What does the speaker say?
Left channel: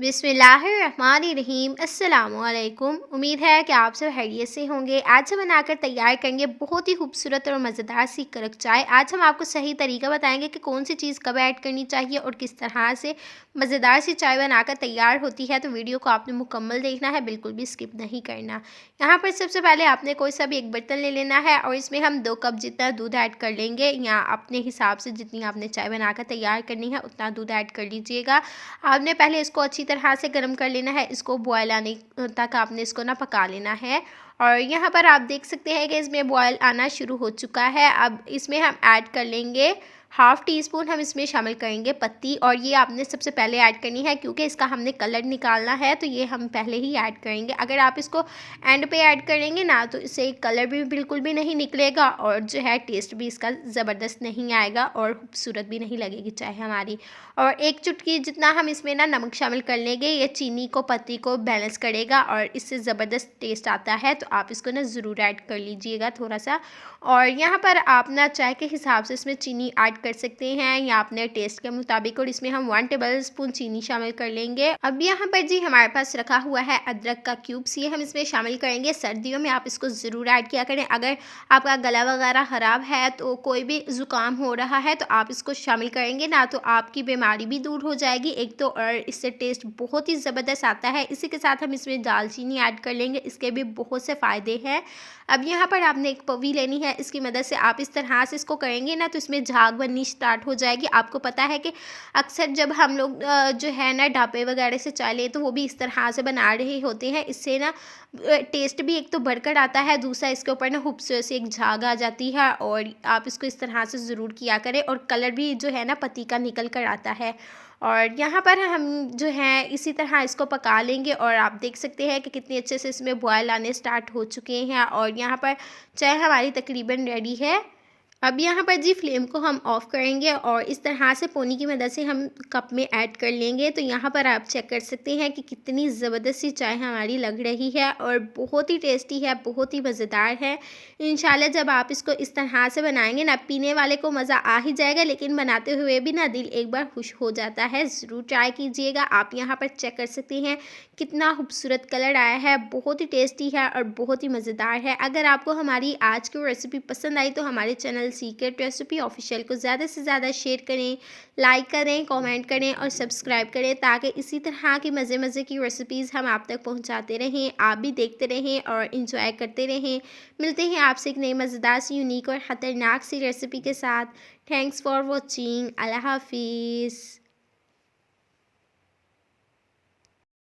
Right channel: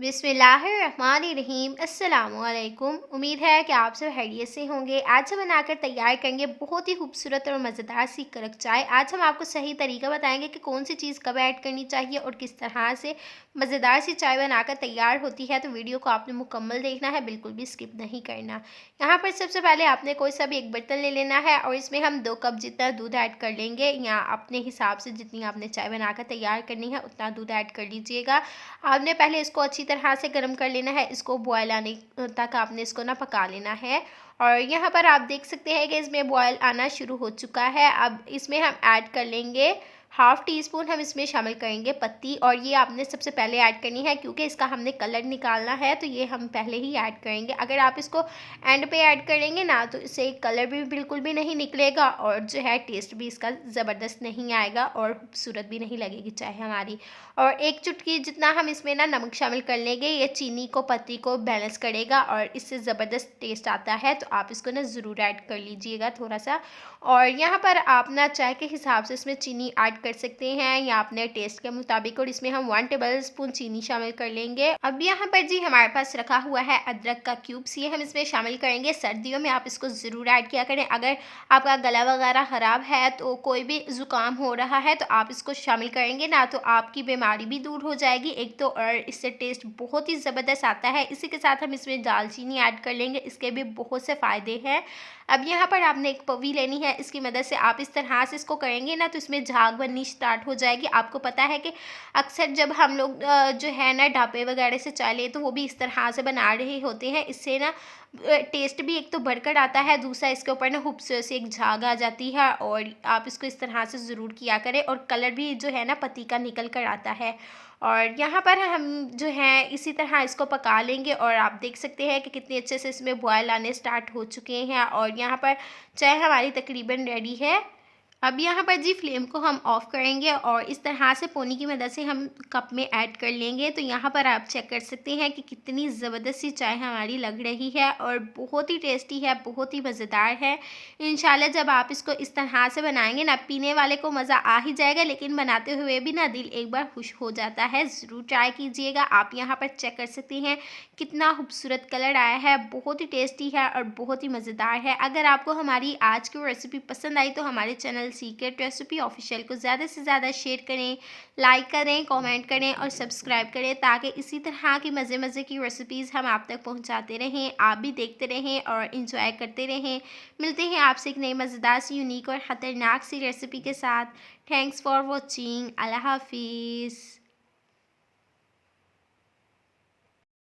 बिस्मिल्लाहिर्रहमानिर्रहीम अस्सलामुअलैकुम। उम्मीद है कि आप सब खैरियत से होंगे। आज हम बनाकर तैयार करेंगे बहुत ही खूबसूरत और मज़ेदार सी कड़क चाय। आज हम आपको सही तरीका बताएंगे कि कौन सी चीज़ कब ऐड करनी चाहिए और किस तरह से मज़ेदार सी चाय बनाकर तैयार होती है। तो वीडियो को आपने मुकम्मल देखना है, बिल्कुल भी स्किप नहीं करना। यहाँ पर सबसे पहले आपने कोई सा भी एक बर्तन ले लेना है और इसमें हम 2 कप जितना दूध ऐड कर लेंगे, या अपने हिसाब से जितनी आपने चाय बनाकर तैयार करनी है उतना दूध ऐड कर लीजिएगा। आपने पहले इसको अच्छी तरह से गर्म कर लेना है, इसको बॉयल आने तक आपने इसको ना पका लेना है। और यहाँ पर आप देख सकते हैं कि इसमें बॉयल आना शुरू हो चुका है। अब इसमें हम ऐड कर लेंगे हाफ़ टी स्पून, हम इसमें शामिल करेंगे पत्ती, और ये आपने सबसे पहले ऐड करनी है क्योंकि इसका हमने कलर निकालना है, तो ये हम पहले ही ऐड करेंगे। अगर आप इसको एंड पे ऐड करेंगे ना तो इससे कलर भी बिल्कुल भी नहीं निकलेगा और जो है टेस्ट भी इसका ज़बरदस्त नहीं आएगा और खूबसूरत भी नहीं लगेगी चाय हमारी। और एक चुटकी जितना हम इसमें ना नमक शामिल कर लेंगे, ये चीनी को पत्ती को बैलेंस करेगा और इससे ज़बरदस्त टेस्ट आता है, तो आप इसको ना ज़रूर ऐड कर लीजिएगा थोड़ा सा। और यहाँ पर आप ना चाय के हिसाब से इसमें चीनी ऐड कर सकते हैं या अपने टेस्ट के मुताबिक, और इसमें हम 1 टेबल स्पून चीनी शामिल कर लेंगे। अब यहाँ पर जी हमारे पास रखा हुआ है अदरक का क्यूब्स, ये हम इसमें शामिल करेंगे। सर्दियों में आप इसको ज़रूर ऐड किया करें। अगर आपका गला वगैरह ख़राब है, तो कोई भी ज़ुकाम हो रहा है, तो आप इसको शामिल करेंगे ना तो आपकी बीमारी भी दूर हो जाएगी एक तो, और इससे टेस्ट बहुत ही ज़बरदस्त आता है। इसी के साथ हम इसमें दालचीनी ऐड कर लेंगे, इसके भी बहुत से फ़ायदे हैं। अब यहाँ पर आपने एक पवी लेनी है, इसकी मदद से आप इस तरह से इसको करेंगे ना तो इसमें झाग बननी स्टार्ट हो जाएगी। आपको पता है कि अक्सर जब हम लोग जो है ना ढाबे वगैरह से चाय लें तो वो भी इस तरह से बना रहे होते हैं। इससे ना टेस्ट भी एक तो बढ़कर आता है, दूसरा इसके ऊपर ना खूबसूरत सी एक झाग आ जाती है। और आप इसको इस तरह से ज़रूर किया करें, और कलर भी जो है ना पत्ती का निकल कर आता है। और यहाँ पर हम जो है इसी तरह इसको पका लेंगे, और आप देख सकते हैं कि कितने अच्छे से इसमें बॉयल आने स्टार्ट हो चुके हैं और यहाँ पर चाय हमारी तकरीबन रेडी है। अब यहाँ पर जी फ्लेम को हम ऑफ़ करेंगे और इस तरह से पोनी की मदद से हम कप में ऐड कर लेंगे। तो यहाँ पर आप चेक कर सकते हैं कि कितनी ज़बरदस्त सी चाय हमारी लग रही है और बहुत ही टेस्टी है, बहुत ही मज़ेदार है। इंशाल्लाह जब आप इसको इस तरह से बनाएंगे ना, पीने वाले को मज़ा आ ही जाएगा, लेकिन बनाते हुए भी ना दिल एक बार खुश हो जाता है। ज़रूर ट्राई कीजिएगा। आप यहाँ पर चेक कर सकते हैं कितना खूबसूरत कलर आया है, बहुत ही टेस्टी है और बहुत ही मज़ेदार है। अगर आपको हमारी आज की रेसिपी पसंद आई तो हमारे चैनल सीक्रेट रेसिपी ऑफिशियल को ज़्यादा से ज़्यादा शेयर करें, लाइक करें, कमेंट करें और सब्सक्राइब करें, ताकि इसी तरह की मज़े मज़े की रेसिपीज़ हम आप तक पहुंचाते रहें, आप भी देखते रहें और इंजॉय करते रहें। मिलते हैं आपसे एक नई मज़ेदार सी, यूनिक और ख़तरनाक सी रेसिपी के साथ। Thanks for watching. अल्लाह हाफिज़।